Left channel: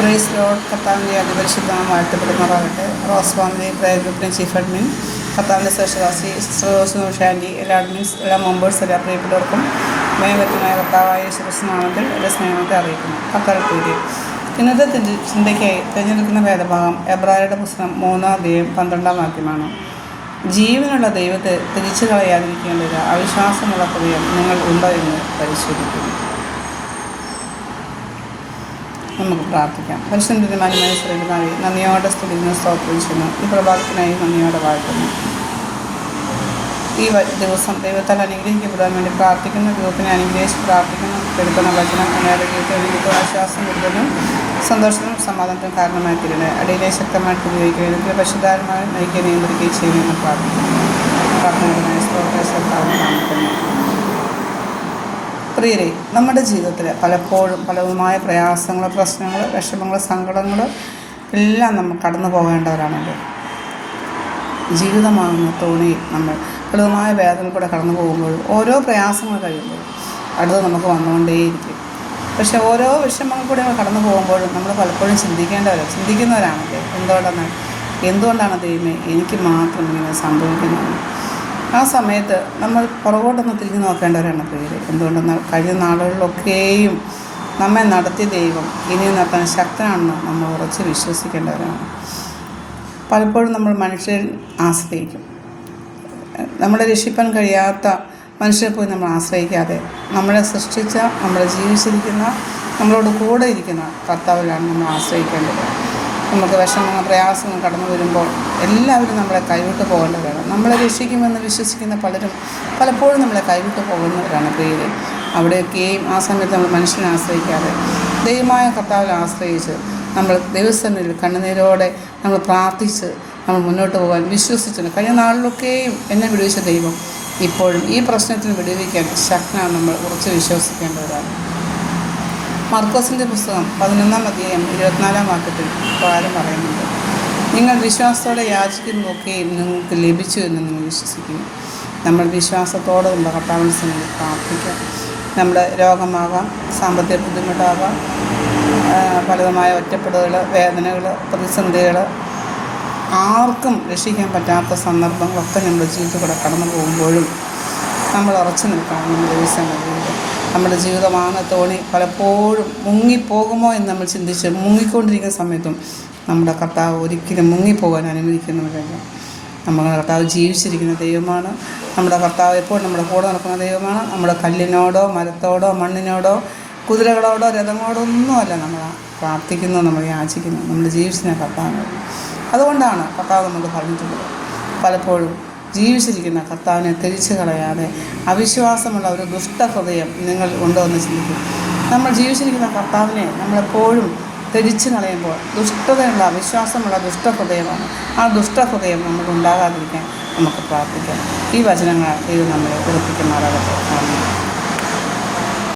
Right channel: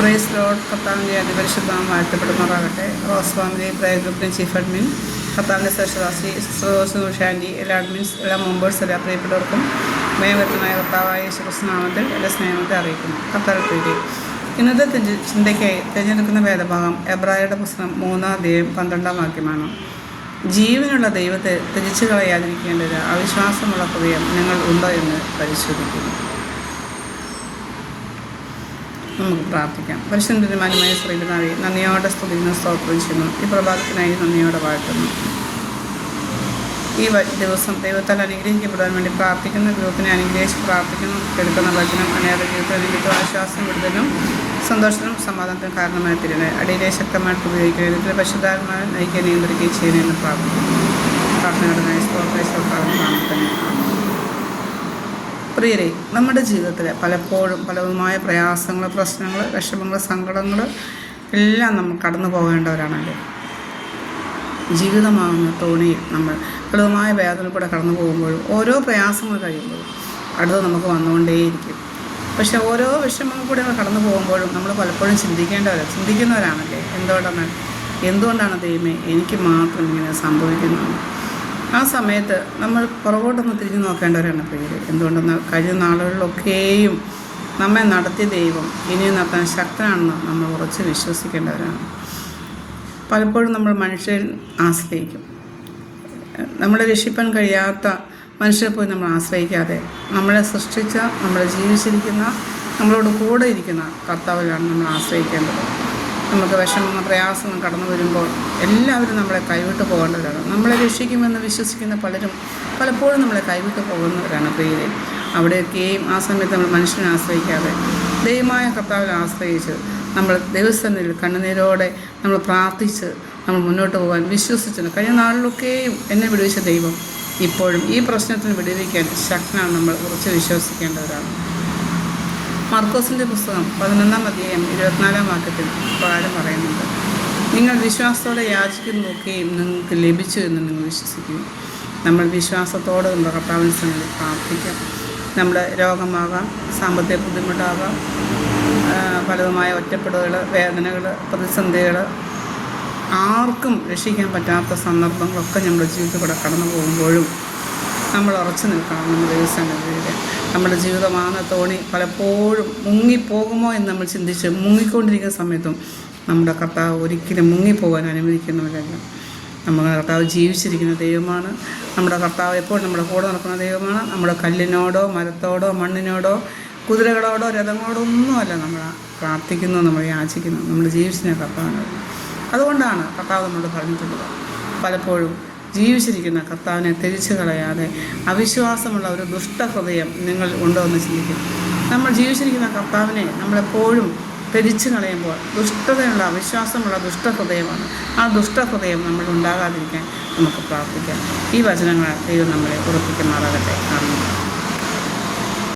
Price lord കത്താവിന്റെ അതിപരിശുദ്ധം വാഴ്ത്തപ്പെടുന്നവരാകട്ടെ റോസ് ഫാമിലി പ്രയർ ഗ്രൂപ്പിന്റെ ചീഫ് അഡ്മിൻ കത്താവിന്റെ സെഷദാസി സിസ്റ്റർ ഷാൻഡി എല്ലാ അഡ്മിൻസ് എല്ലാ മെമ്പേഴ്സ് എല്ലാ പ്രിയപ്പെട്ടവർക്കും മേമത്തമായ കർത്താവായ യേശുക്രിസ്തുനാമത്തിൽ എന്റെ സ്നേഹത്തെ അറിയിക്കുന്നു. കത്താഴത്തൂരി ഇന്നത്തെ ചിന്ത- ചിന്തയ്ക്കായി തിരഞ്ഞെടുക്കുന്ന വേദഭാഗം എബ്രായരുടെ പുസ്തകം മൂന്നാം അധ്യായം പന്ത്രണ്ടാം വാക്യമാണ്. ജീവനുള്ള ദൈവത്തെ തിരിച്ചു കളയാതിരിക്കേണ്ടത് അവിശ്വാസമുള്ള ഹൃദയം നിങ്ങൾ ഉണ്ടോ എന്ന് പരിശോധിക്കുന്നു. നമുക്ക് പ്രാർത്ഥിക്കാം. പരിശുദ്ധ മാന്യമായ ശ്രീപിതാവെ നന്ദിയോടെ സ്തുതിക്കുന്ന സ്തോത്രം ചെയ്യുന്നു. ഈ പ്രഭാതത്തിനായി നന്ദിയോടെ വാഴ്ത്തുന്നു. ഈ ദിവസം ദൈവത്താൽ അനുഗ്രഹിക്കപ്പെടാൻ വേണ്ടി പ്രാർത്ഥിക്കുന്ന. ദൈവത്തിനെ അനുഗ്രഹിച്ച് പ്രാർത്ഥിക്കുന്നു. എടുക്കുന്ന വചനം അനേറെ ജീവിതത്തിൽ ആശ്വാസം കൊടുക്കുന്നു സന്തോഷത്തിനും സമാധാനത്തിനും കാരണമായി തീരുന്നത് അടിയിലെ ശക്തമായിട്ട് ഉപയോഗിക്കുക ഇതിൽ പശുധാരമായി നയിക്കുകയും നിയന്ത്രിക്കുകയും ചെയ്യുന്നതെന്ന് പ്രാർത്ഥിക്കുന്നു. പ്രാർത്ഥനയുടെ പ്രിയരെ നമ്മുടെ ജീവിതത്തിൽ പലപ്പോഴും പലതുമായ പ്രയാസങ്ങൾ പ്രശ്നങ്ങൾ വിഷമങ്ങൾ സങ്കടങ്ങൾ എല്ലാം നമ്മൾ കടന്നു പോകേണ്ടവരാണല്ലോ. ജീവിതമാകുന്ന തോണിയിൽ നമ്മൾ പലതുമായ വേദന കൂടെ കടന്നു പോകുമ്പോൾ ഓരോ പ്രയാസങ്ങൾ കഴിയുമ്പോൾ അടുത്ത് നമുക്ക് വന്നുകൊണ്ടേയിരിക്കും. പക്ഷെ ഓരോ വിഷമങ്ങൾ കൂടെ കടന്നു പോകുമ്പോഴും നമ്മൾ പലപ്പോഴും ചിന്തിക്കേണ്ടവരും ചിന്തിക്കുന്നവരാണല്ലേ? എന്തുകൊണ്ടെന്ന് എന്തുകൊണ്ടാണ് ദൈവമേ എനിക്ക് മാത്രം ഇങ്ങനെ സംഭവിക്കുന്നത് ആ സമയത്ത് നമ്മൾ പുറകോട്ടൊന്ന് തിരിഞ്ഞു നോക്കേണ്ടവരാണ് പ്രിയരെ എന്തുകൊണ്ടെന്നാൽ കഴിഞ്ഞ നാളുകളിലൊക്കെയും നമ്മെ നടത്തിയ ദൈവം ഇനിയും നടത്താൻ ശക്തനാണെന്ന് നമ്മൾ ഉറച്ച് വിശ്വസിക്കേണ്ടവരാണ് പലപ്പോഴും നമ്മൾ മനുഷ്യൻ ആശ്രയിക്കും. നമ്മളെ രക്ഷിപ്പാൻ കഴിയാത്ത മനുഷ്യരെ പോയി നമ്മൾ ആശ്രയിക്കാതെ നമ്മളെ സൃഷ്ടിച്ച നമ്മളെ ജീവിച്ചിരിക്കുന്ന നമ്മളോട് കൂടെ ഇരിക്കുന്ന കർത്താവിലാണ് നമ്മൾ ആശ്രയിക്കേണ്ടത്. നമുക്ക് വിഷമങ്ങൾ പ്രയാസങ്ങൾ കടന്നു വരുമ്പോൾ എല്ലാവരും നമ്മളെ കൈവിട്ട് പോകേണ്ടവരാണ് നമ്മളെ രക്ഷിക്കുമെന്ന് വിശ്വസിക്കുന്ന പലരും പലപ്പോഴും നമ്മളെ കൈവിട്ട് പോകുന്നവരാണ് പ്രിയരെ. അവിടെയൊക്കെയും ആ സമയത്ത് നമ്മൾ മനുഷ്യനെ ആശ്രയിക്കാതെ ദൈവമായ കർത്താവിനെ ആശ്രയിച്ച് നമ്മൾ ദൈവസന്നിധിയിൽ കണ്ണുനീരോടെ നമ്മൾ പ്രാർത്ഥിച്ച് നമ്മൾ മുന്നോട്ട് പോകാൻ വിശ്വസിച്ചു കഴിഞ്ഞ നാളിലൊക്കെയും എന്നെ വിടുവിച്ച ദൈവം ഇപ്പോഴും ഈ പ്രശ്നത്തിൽ വിടുവിക്കാൻ ശക്തനാണ് നമ്മൾ ഉറച്ച് വിശ്വസിക്കേണ്ടതാണ് മർക്കോസിന്റെ പുസ്തകം പതിനൊന്നാം അധ്യായം ഇരുപത്തിനാലാം വാക്യത്തിൽ പ്രകാരം പറയുന്നുണ്ട്. നിങ്ങൾ വിശ്വാസത്തോടെ യാചിക്കുന്നതൊക്കെയും നിങ്ങൾക്ക് ലഭിച്ചു എന്ന് നിങ്ങൾ വിശ്വസിക്കുന്നു. നമ്മൾ വിശ്വാസത്തോടെ നമ്മുടെ കർത്താവിനെ സംബന്ധിച്ച് പ്രാർത്ഥിക്കാം. നമ്മുടെ രോഗമാകാം സാമ്പത്തിക ബുദ്ധിമുട്ടാകാം ഫലതമായ ഒറ്റപ്പെടലുകൾ വേദനകൾ പ്രതിസന്ധികൾ ആർക്കും രക്ഷിക്കാൻ പറ്റാത്ത സന്ദർഭങ്ങളൊക്കെ നമ്മുടെ ജീവിതത്തിലൂടെ കടന്നു പോകുമ്പോഴും നമ്മൾ ഉറച്ചു നിൽക്കണം നമ്മുടെ ദിവസം നമ്മുടെ ജീവിതമാണ് തോണി പലപ്പോഴും മുങ്ങിപ്പോകുമോ എന്ന് നമ്മൾ ചിന്തിച്ച് മുങ്ങിക്കൊണ്ടിരിക്കുന്ന സമയത്തും നമ്മുടെ കർത്താവ് ഒരിക്കലും മുങ്ങിപ്പോകാൻ അനുവദിക്കുന്നവരല്ല നമ്മുടെ കർത്താവ് ജീവിച്ചിരിക്കുന്ന ദൈവമാണ്. നമ്മുടെ കർത്താവ് എപ്പോഴും നമ്മുടെ കൂടെ നടക്കുന്ന ദൈവമാണ്. നമ്മുടെ കല്ലിനോടോ മരത്തോടോ മണ്ണിനോടോ കുതിരകളോടോ രഥങ്ങളോടോ ഒന്നുമല്ല നമ്മൾ പ്രാർത്ഥിക്കുന്നു നമ്മൾ യാചിക്കുന്നു. നമ്മൾ ജീവിച്ചിരുന്ന കർത്താവ്. അതുകൊണ്ടാണ് കർത്താവ് നമ്മൾ പറഞ്ഞിട്ടുള്ളത്. പലപ്പോഴും ജീവിച്ചിരിക്കുന്ന കർത്താവിനെ തിരിച്ചു കളയാതെ അവിശ്വാസമുള്ള ഒരു ദുഷ്ടഹൃദയം നിങ്ങൾ ഉണ്ടോ എന്ന് ചിന്തിക്കും നമ്മൾ ജീവിച്ചിരിക്കുന്ന കർത്താവിനെ നമ്മളെപ്പോഴും തിരിച്ചു കളയുമ്പോൾ ദുഷ്ടതയുള്ള അവിശ്വാസമുള്ള ദുഷ്ടഹൃദയമാണ്. ആ ദുഷ്ടഹൃദയം നമ്മൾ ഉണ്ടാകാതിരിക്കാൻ നമുക്ക് പ്രാർത്ഥിക്കാം. ഈ വചനങ്ങൾ ദൈവം നമ്മളെ പ്രവർത്തിക്കുന്നതാകട്ടെ